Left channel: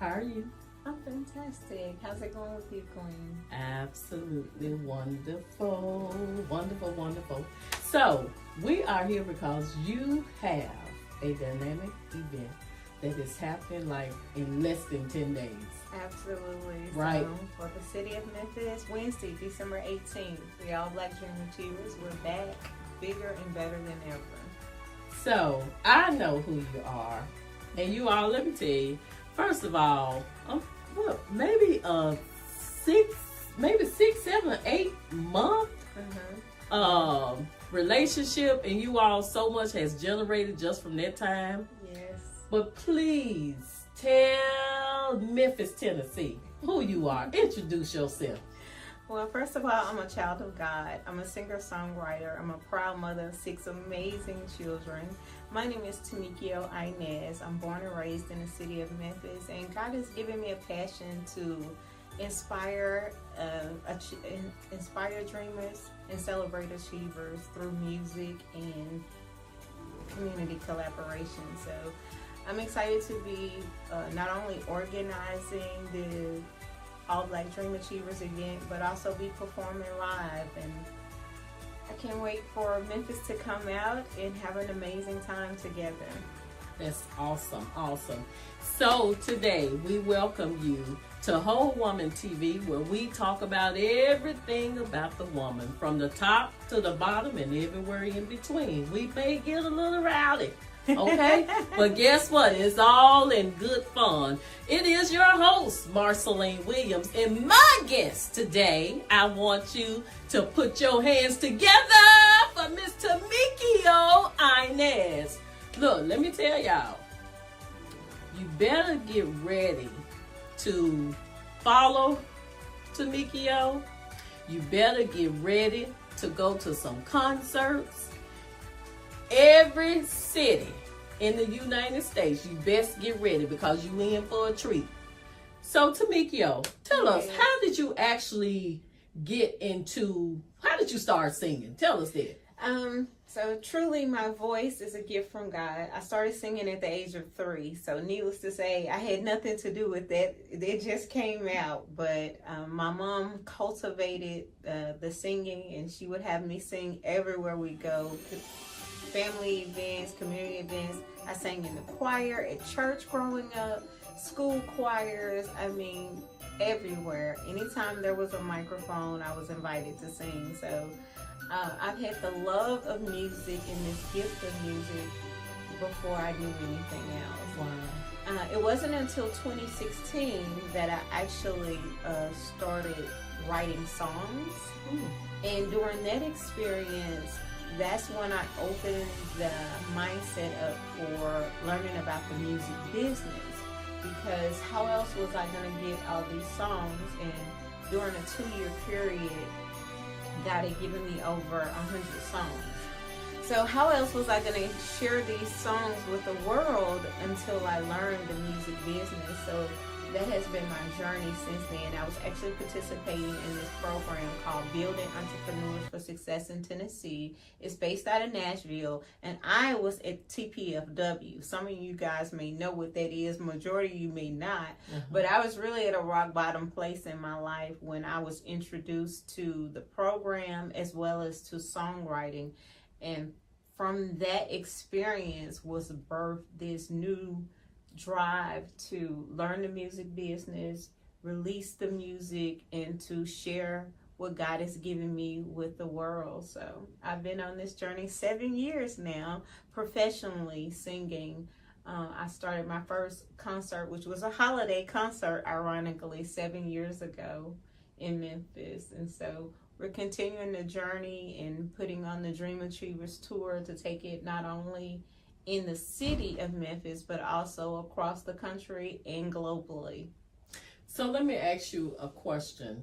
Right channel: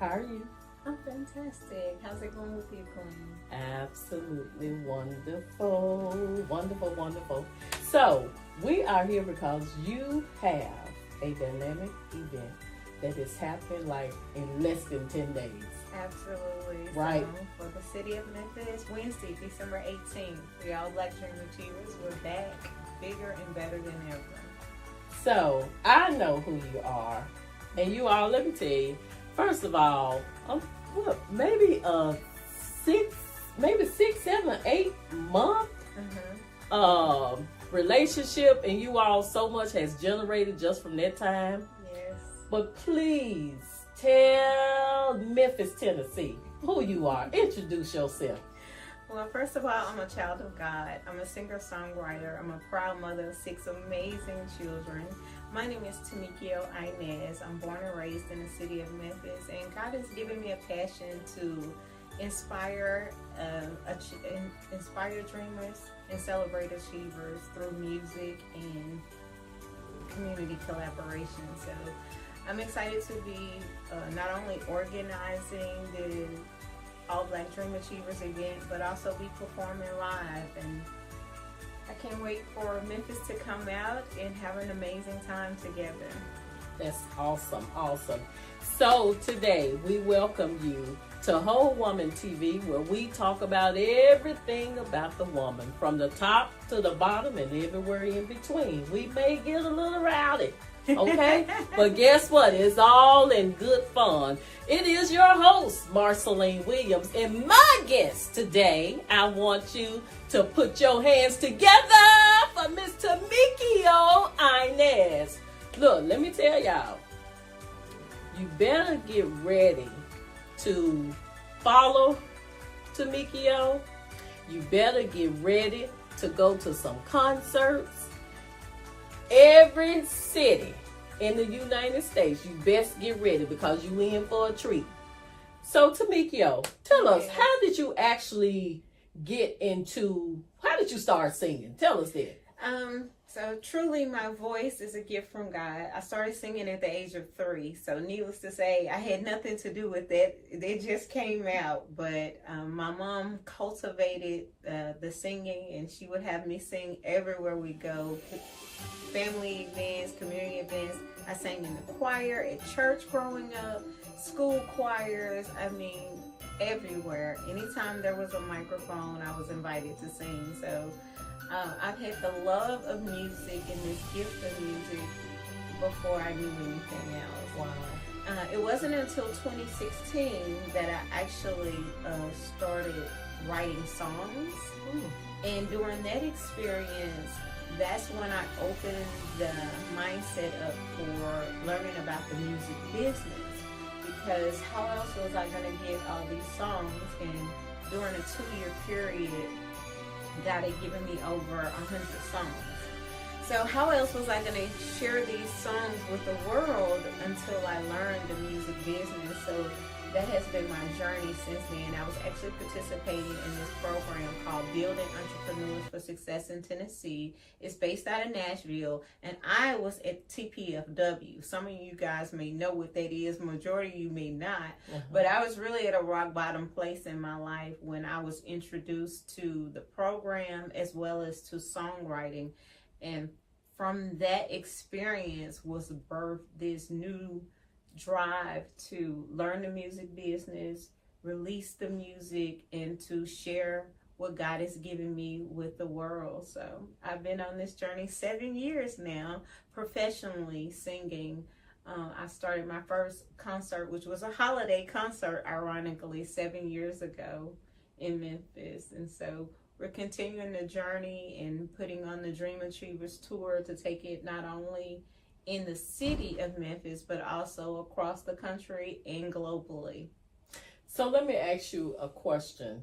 How are you? I'm fantastic. How's it going with you, Queen? Absolutely wonderful. Wonderful, wonderful. So, we are here because you have a dynamic event that is happening like in less than 10 days. Absolutely. Right. So, for the city of Memphis, Wednesday, December 18th, the All Black Dream Achievers, we're back bigger and better than ever. So, I know who you are. And you all, let me tell you, first of all, maybe six, 7, 8 month relationship, and you all so much has generated just from that time. Yes. But please tell Memphis, Tennessee who you are. Introduce yourself. Well, first of all, I'm a child of God. I'm a singer-songwriter. I'm a proud mother of 6 amazing children. My name is Tamikyo Inez. I'm born and raised in the city of Memphis, and God has given me a passion to inspire dreamers and celebrate achievers through music and community collaboration. So I'm excited to be not only organizing the All Black Dream Achievers event, but also be performing live. And I can't wait for Memphis to come out and have an amazing time together. That's awesome, awesome. So today we welcome you to Whole Woman TV, where we talk about everything about the woman, from the top to the bottom and everywhere in between. We may get a little rowdy, okay? But guess what? It's all in good fun. It is your host, Marceline Williams, and my guest today, I want you to put your hands together for Miss Tamikyo Inez. Look, let me tell y'all, you better get ready to follow Tamikyo. You better get ready to go to some concerts. Every city in the United States, you best get ready because you in for a treat. So Tamikyo, tell us, how did you actually how did you start singing? Tell us that. So truly my voice is a gift from God. I started singing at the age of 3. So needless to say, I had nothing to do with that. It just came out. But my mom cultivated the singing, and she would have me sing everywhere we go. Family events, community events. I sang in the choir at church growing up, school choirs, everywhere. Anytime there was a microphone, I was invited to sing. So I've had the love of music and this gift of music before I knew anything else. Wow. It wasn't until 2016 that I actually started writing songs. And during that experience, that's when I opened the mindset up for learning about the music business, because how else was I going to get all these songs? And during a 2-year period, God had given me over 100 songs. So how else was I going to share these songs with the world until I learned the music business? So that has been my journey since then. I was actually participating in this program called Building Entrepreneurs for Success in Tennessee. It's based out of Nashville, and I was at TPFW. Some of you guys may know what that is. Majority of you may not. But I was really at a rock bottom place in my life when I was introduced to the program as well as to songwriting. And from that experience was birthed this new drive to learn the music business, release the music, and to share what God has given me with the world. So I've been on this journey 7 years now, professionally singing. I started my first concert, which was a holiday concert, ironically, 7 years ago in Memphis. And so we're continuing the journey and putting on the Dream Achievers tour to take it not only in the city of Memphis, but also across the country and globally. So let me ask you a question.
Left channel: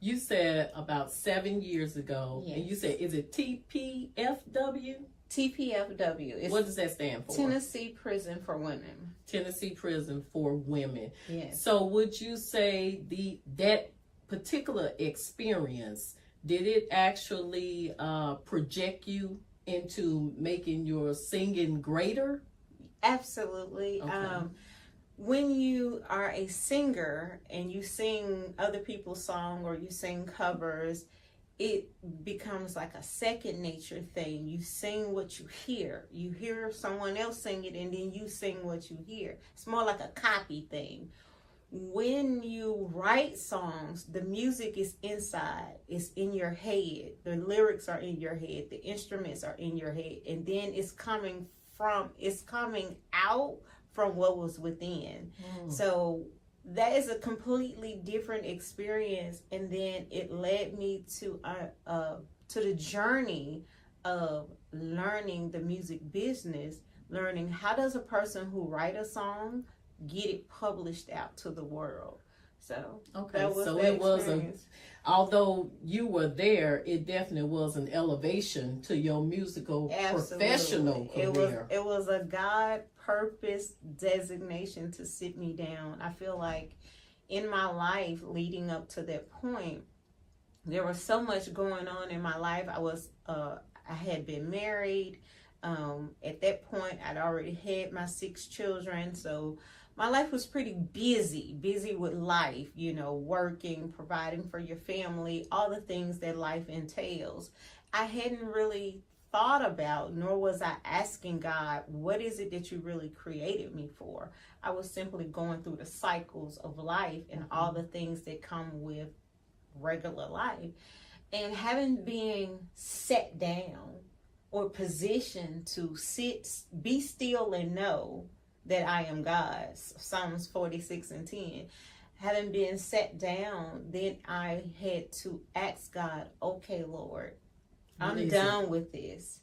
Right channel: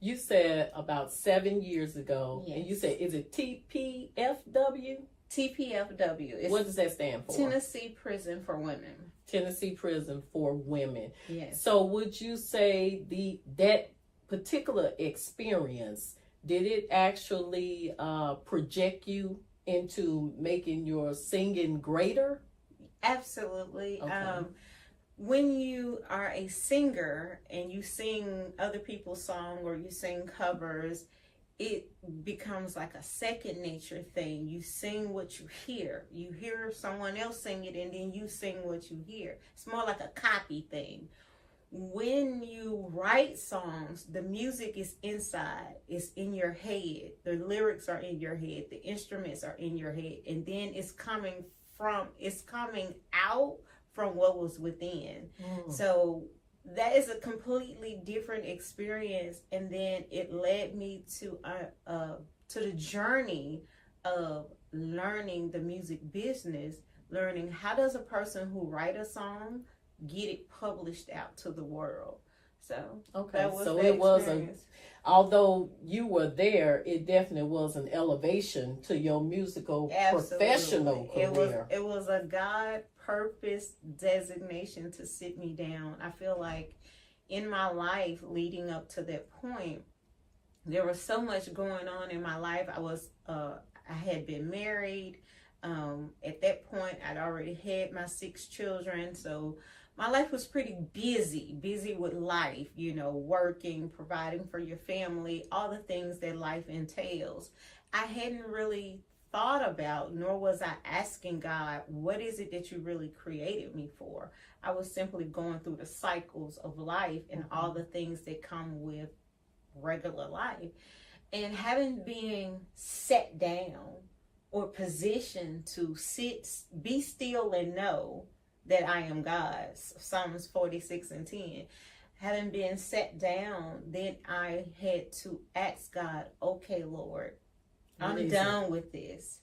You said about 7 years ago, yes. And you said, is it TPFW? TPFW. What does that stand for? Tennessee Prison for Women. Tennessee Prison for Women. Yes. So would you say that particular experience, did it actually project you into making your singing greater? Absolutely. Okay. when you are a singer and you sing other people's song or you sing covers, it becomes like a second nature thing. You sing what you hear. You hear someone else sing it and then you sing what you hear. It's more like a copy thing. When you write songs, the music is inside. It's in your head. The lyrics are in your head. The instruments are in your head. And then it's coming out from what was within. So that is a completely different experience. And then it led me to the journey of learning the music business, learning how does a person who write a song get it published out to the world. So okay, so it was although you were there, it definitely was an elevation to your musical professional career. It was a God purpose designation to sit me down. I feel like in my life leading up to that point, there was so much going on in my life. I had been married. At that point, I'd already had my 6 children. So my life was pretty busy with life, working, providing for your family, all the things that life entails. I hadn't really thought about, nor was I asking God, what is it that you really created me for? I was simply going through the cycles of life and all the things that come with regular life. And having been sat down or positioned to be still and know that I am God, Psalms 46:10. Having been sat down, then I had to ask God, okay, Lord, I'm done with this.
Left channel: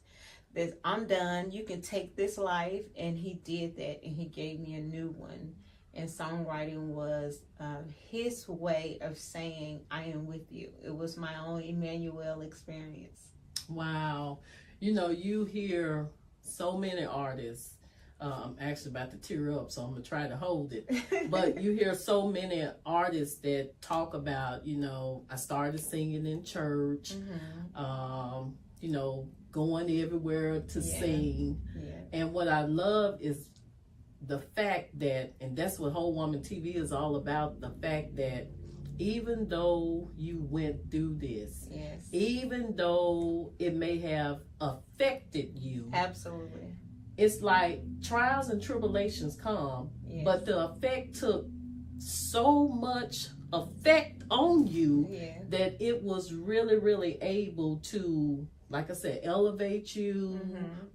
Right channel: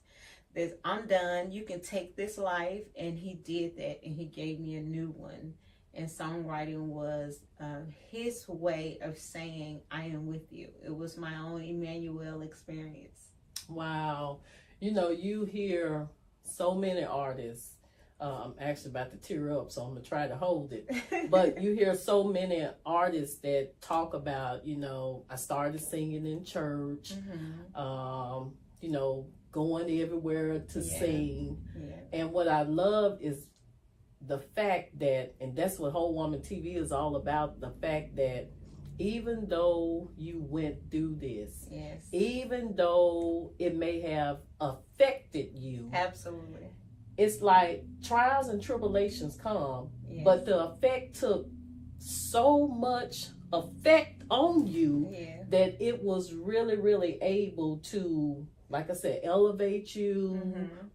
I'm done. You can take this life. And he did that, and he gave me a new one. And songwriting was his way of saying, I am with you. It was my own Emmanuel experience. Wow. You hear so many artists. I'm actually about to tear up, so I'm going to try to hold it. But you hear so many artists that talk about, I started singing in church, going everywhere to sing. Yeah. And what I love is the fact that, and that's what Whole Woman TV is all about, the fact that even though you went through this, even though it may have affected you. Absolutely. It's like trials and tribulations come, but the effect took so much effect on you that it was really, really able to, like I said, elevate you,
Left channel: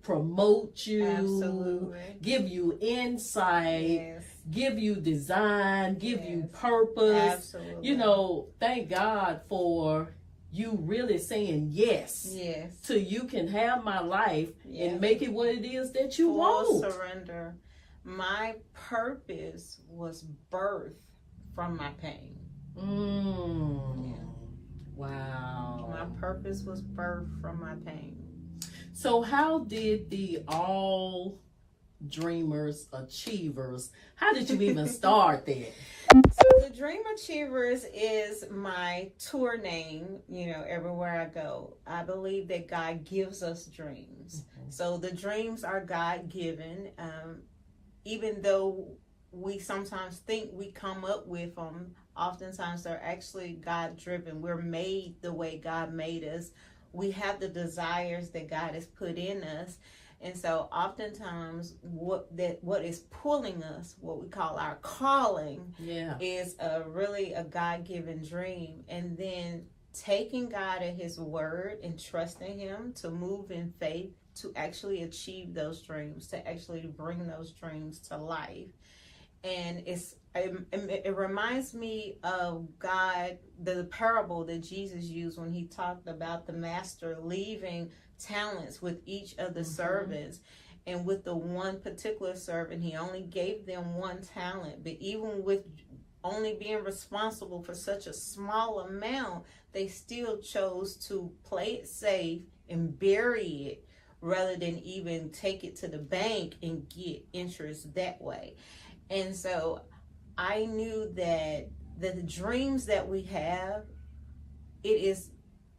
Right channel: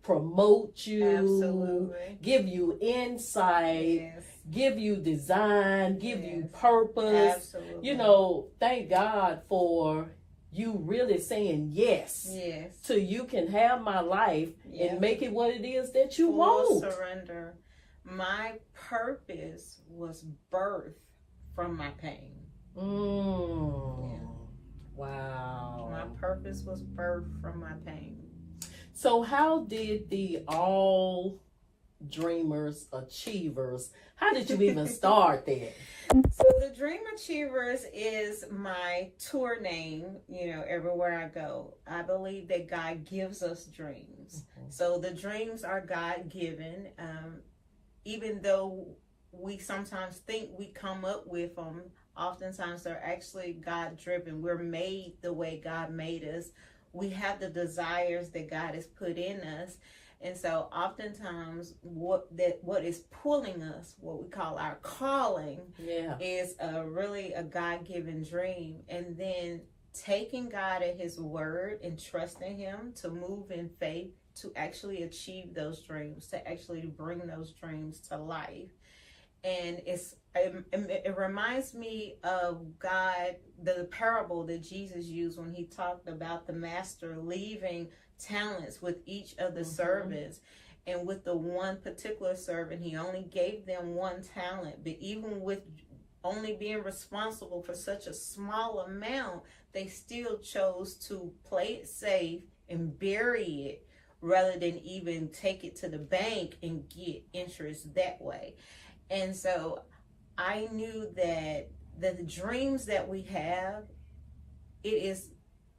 promote you, give you insight, give you design, give you purpose. Absolutely. Thank God for you really saying yes so you can have my life and make it what it is that you want. Surrender. My purpose was birthed from my pain. Wow. My purpose was birthed from my pain. So how did the All Dreamers Achievers, how did you even start that? So the Dream Achievers is my tour name, everywhere I go. I believe that God gives us dreams. So the dreams are God-given. Even though we sometimes think we come up with them, oftentimes they're actually God-driven. We're made the way God made us. We have the desires that God has put in us. And so oftentimes what is pulling us, what we call our calling, is really a God-given dream. And then taking God at his word and trusting him to move in faith to actually achieve those dreams, to actually bring those dreams to life. And it reminds me of God, the parable that Jesus used when he talked about the master leaving talents with each of the servants. And with the one particular servant, he only gave them 1 talent. But even with only being responsible for such a small amount, they still chose to play it safe and bury it rather than even take it to the bank and get interest that way. And so I knew that the dreams that we have, it is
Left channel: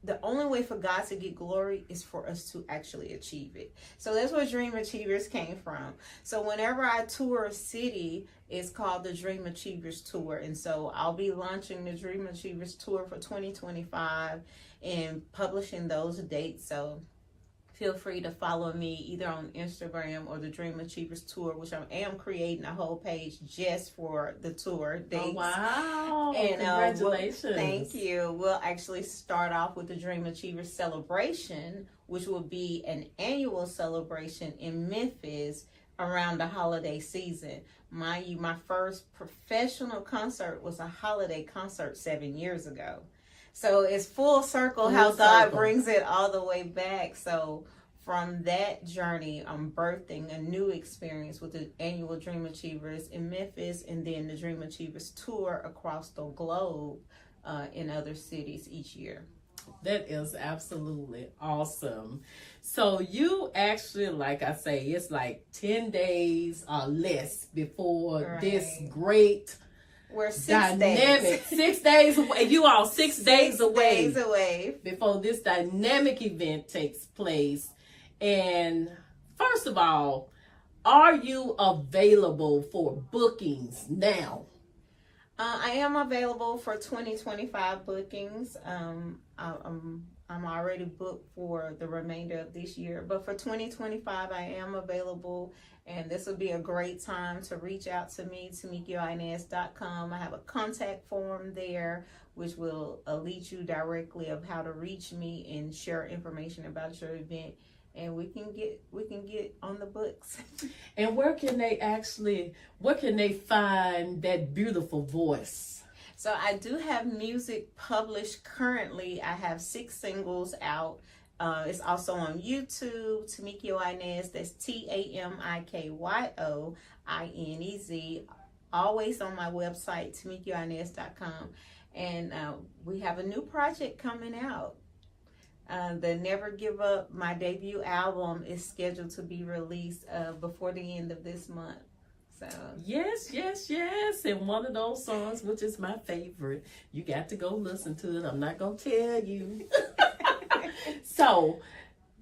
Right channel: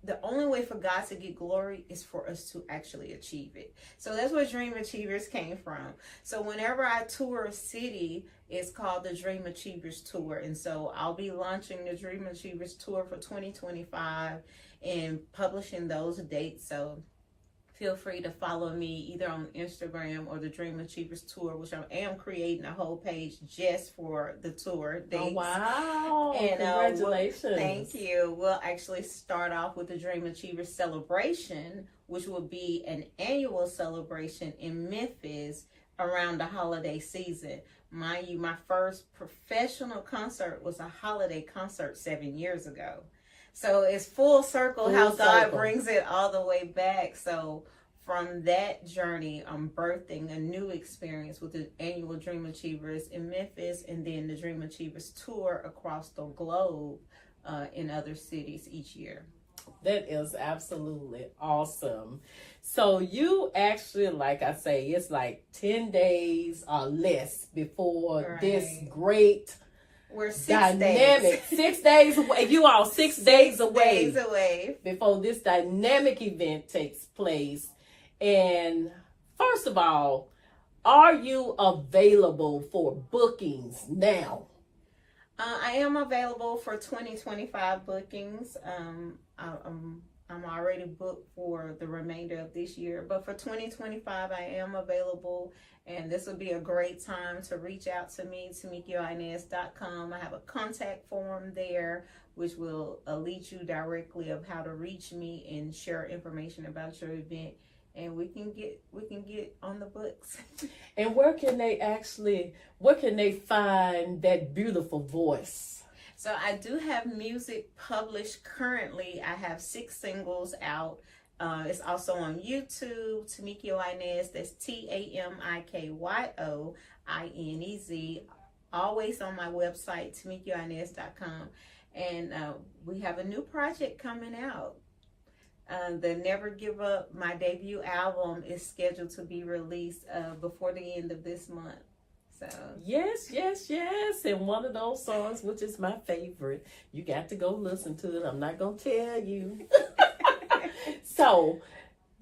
the only way for God to get glory is for us to actually achieve it. So that's where Dream Achievers came from. So whenever I tour a city, it's called the Dream Achievers Tour. And so I'll be launching the Dream Achievers Tour for 2025 and publishing those dates. So feel free to follow me either on Instagram or the Dream Achievers Tour, which I am creating a whole page just for the tour dates. Oh, wow. And, congratulations. Thank you. We'll actually start off with the Dream Achievers Celebration, which will be an annual celebration in Memphis around the holiday season. Mind you, my first professional concert was a holiday concert 7 years ago. So it's full circle how God brings it all the way back. So from that journey, I'm birthing a new experience with the annual Dream Achievers in Memphis, and then the Dream Achievers tour across the globe in other cities each year. That is absolutely awesome. So you actually, like I say, it's like 10 days or less before this great... We're 6 dynamic days. 6 days away. You all 6 days away. 6 days away before this dynamic event takes place. And first of all, are you available for bookings now? I am available for 2025 bookings. I'm already booked for the remainder of this year, but for 2025, I am available. And this will be a great time to reach out to me, TamikyoInez.com. I have a contact form there, which will lead you directly of how to reach me and share information about your event. And we can get on the books. And where can they find that beautiful voice? So I do have music published currently. I have 6 singles out. It's also on YouTube, Tamikyo Inez, that's TamikyoInez, always on my website, TamikyoInez.com. And we have a new project coming out. The Never Give Up, my debut album, is scheduled to be released before the end of this month. So yes. And one of those songs, which is my favorite, you got to go listen to it. I'm not going to tell you. So,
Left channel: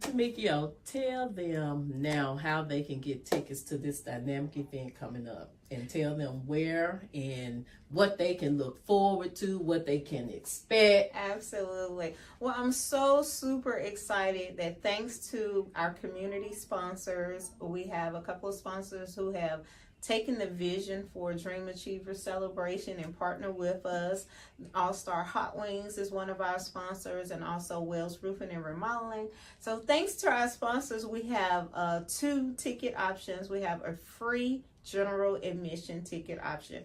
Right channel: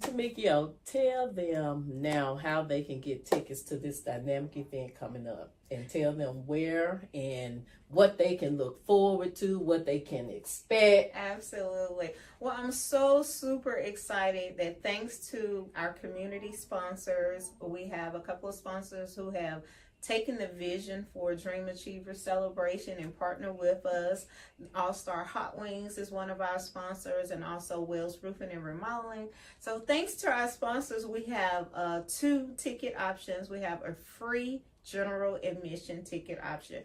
Tamikyo, tell them now how they can get tickets to this dynamic event coming up, and tell them where and what they can look forward to, what they can expect. Absolutely. Well, I'm so super excited that thanks to our community sponsors, we have a couple of sponsors who have taken the vision for Dream Achiever Celebration and partner with us. All Star Hot Wings is one of our sponsors, and also Wells Roofing and Remodeling. So thanks to our sponsors, we have 2 ticket options. We have a free general admission ticket option.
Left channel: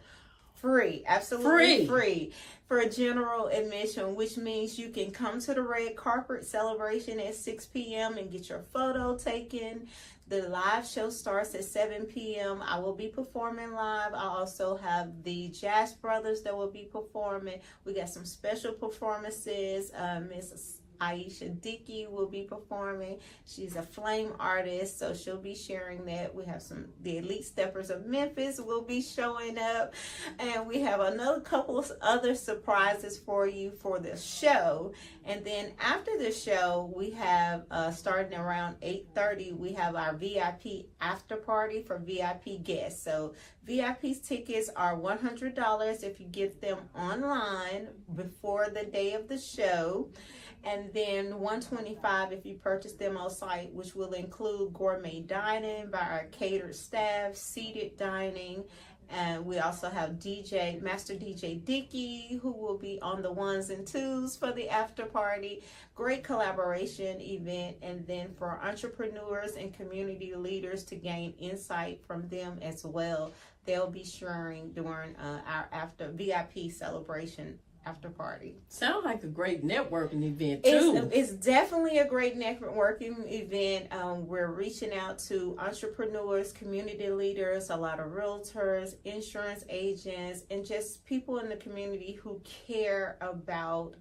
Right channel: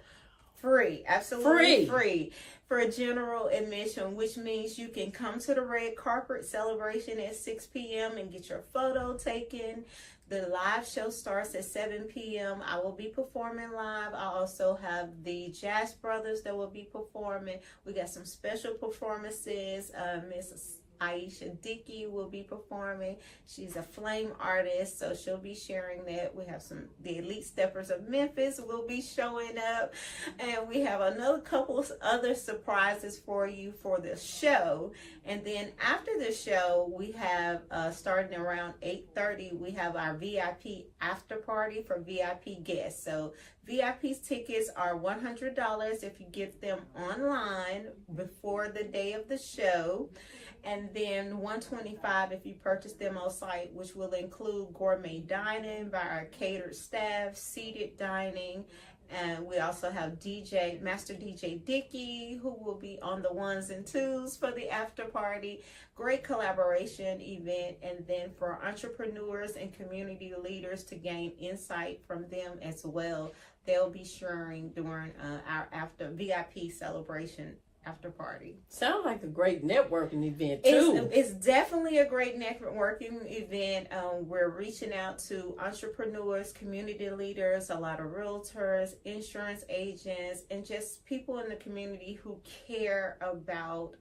Free, absolutely free for general admission, which means you can come to the red carpet celebration at 6 p.m. and get your photo taken. The live show starts at 7 p.m. I will be performing live. I also have the Jazz Brothers that will be performing. We got some special performances. Miss Aisha Dickey will be performing. She's a flame artist, so she'll be sharing that. We have the Elite Steppers of Memphis will be showing up, and we have another couple of other surprises for you for the show. And then after the show, we have starting around 8:30, we have our VIP after party for VIP guests. So VIP's tickets are $100 if you get them online before the day of the show. And then $125 if you purchase them on site, which will include gourmet dining by our catered staff, seated dining, and we also have Master DJ Dickey, who will be on the 1s and 2s for the after party. Great collaboration event, and then for entrepreneurs and community leaders to gain insight from them as well. They'll be sharing during our VIP celebration after party. Sounds like a great networking event too. It's definitely a great networking event. We're reaching out to entrepreneurs, community leaders, a lot of realtors, insurance agents, and just people in the community who care about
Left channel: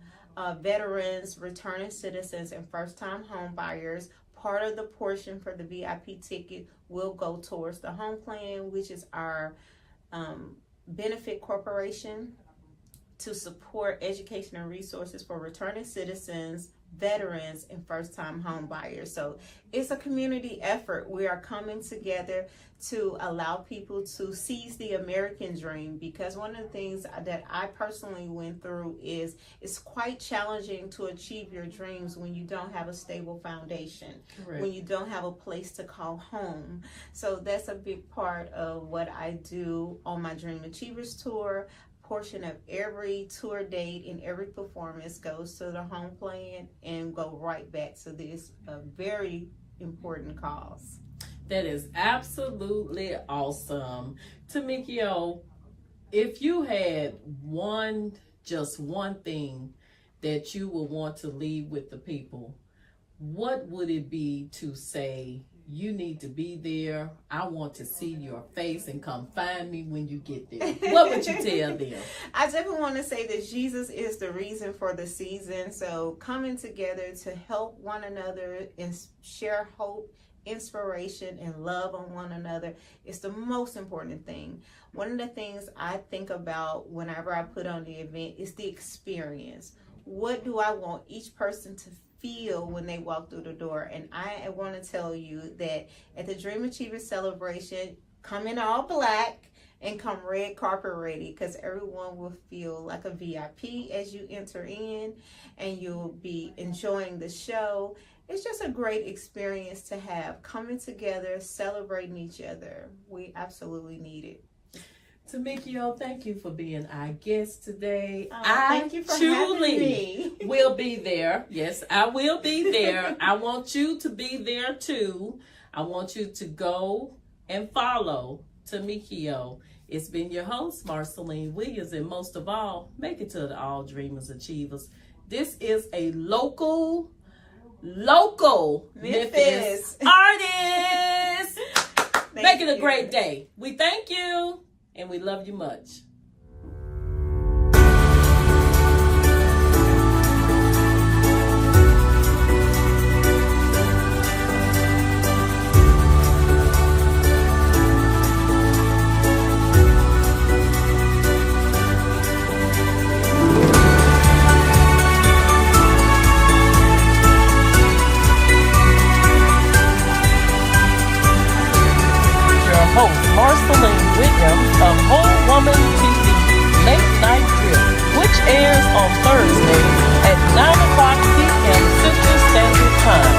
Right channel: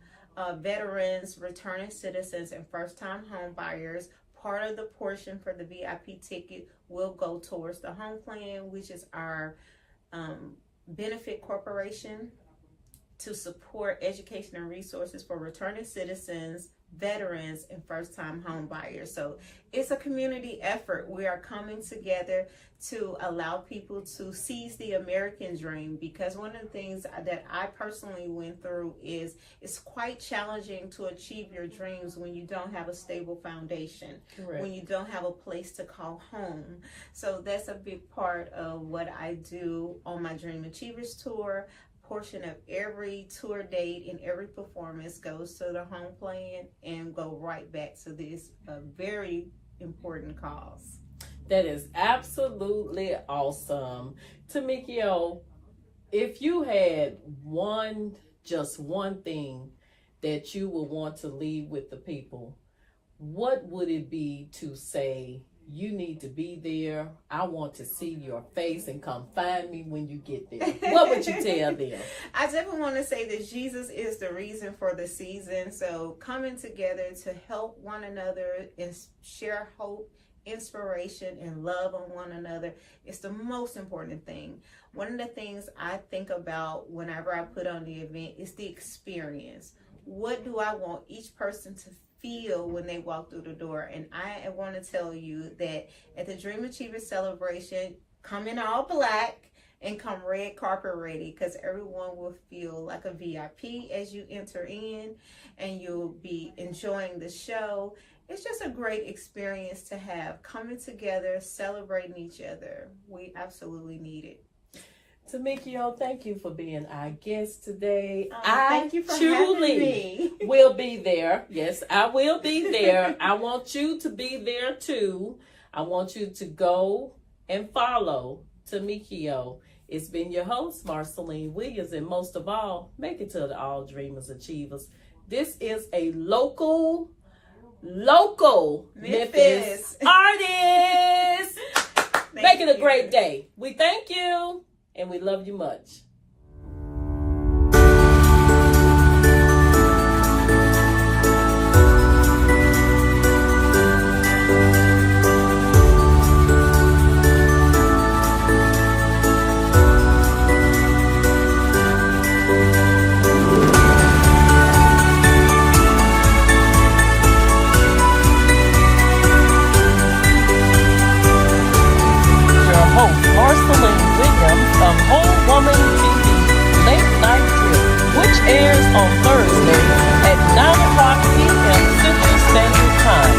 veterans, returning citizens, and first-time home buyers. Part of the portion for the VIP ticket will go towards the home plan, which is our benefit corporation. to support education and resources for returning citizens, veterans, and first-time home buyers. So it's a community effort. We are coming together to allow people to seize the American dream, because one of the things that I personally went through is it's quite challenging to achieve your dreams when you don't have a stable foundation. Correct. When you don't have a place to call home. So that's a big part of what I do on my Dream Achievers Tour. Portion of every tour date and every performance goes to the home plan and go right back to this very important cause. That is absolutely awesome. Tamikyo, if you had just one thing that you would want to leave with the people, what would it be to say, you need to be there, I want to see your face, and come find me when you get there? What would you tell them? I definitely want to say that Jesus is the reason for the season. So coming together to help one another and share hope, inspiration, and love on one another is the most important thing. One of the things I think about whenever I put on the event is the experience. What do I want each person to feel when they walk through the door? And I want to tell you that at the Dream Achievers Celebration, come in all black and come red carpet ready, because everyone will feel like a VIP as you enter in, and you'll be enjoying the show. It's just a great experience to have, coming together, celebrating each other. We absolutely need it. Tamikyo, thank you for being our guest today. Thank you for having me. Will be there. Yes, I will be there. I want you to be there too. I want you to go and follow Tamikyo. It's been your host, Marceline Williams, and most of all, make it to the All Dreamers Achievers. This is a local Memphis artist. Make it a great day. We thank you and we love you much. Host Marceline Williams of Whole Woman TV Late Night Drip, which airs on Thursdays at 9 o'clock p.m. Central Standard Time.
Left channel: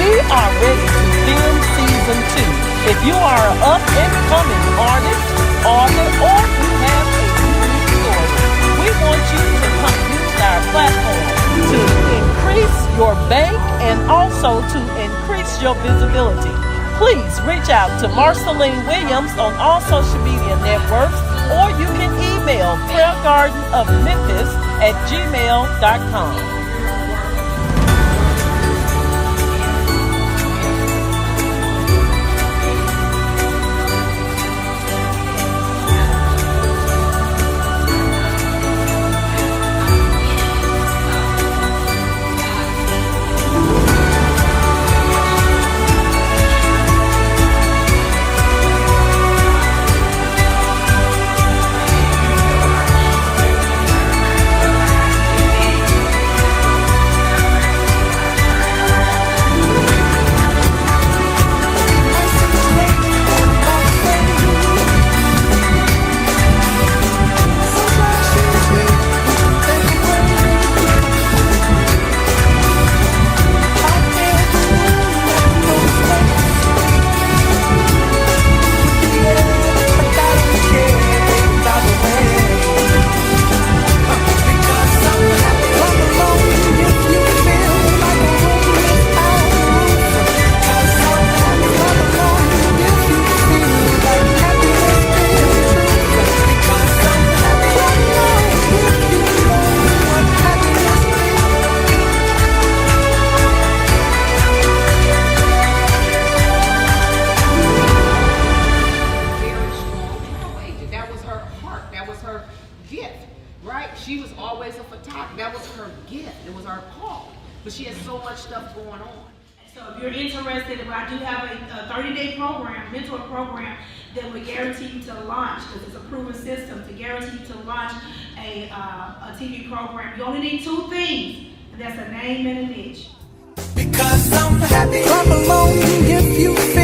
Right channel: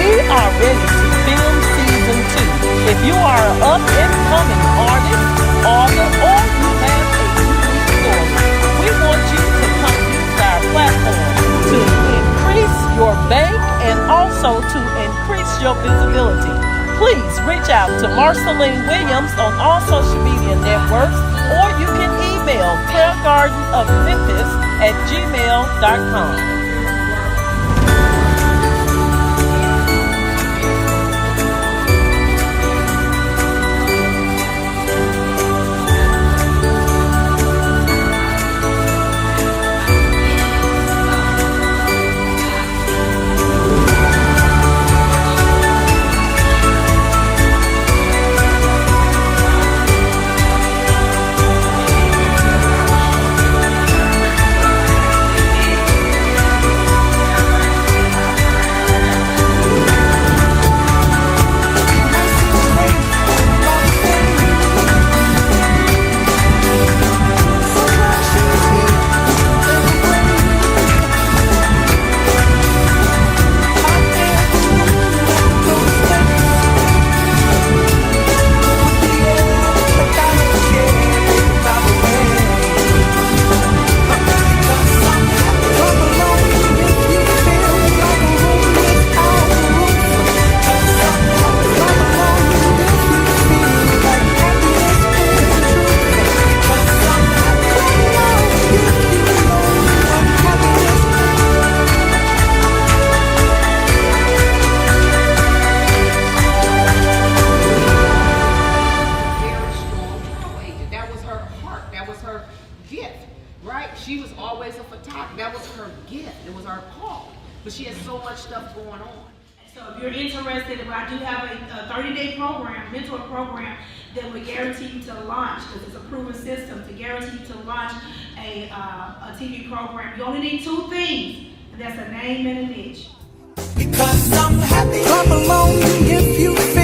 We are ready to film season 2. If you are an up-and-coming artist, author, or you have a unique story, we want you to come use our platform to increase your bank and also to increase your visibility. Please reach out to Marceline Williams on all social media networks, or you can email prayergardenofmemphis@gmail.com. She was always a photographer. That was her gift. It was her call. But she had so much stuff going on. So if you're interested, I do have a 30-day program, mentor program, that will guarantee you to launch, because it's a proven system, to guarantee you to launch a TV program. You only need 2 things, and that's a name and a niche. Because I'm happy. Clap along if you feel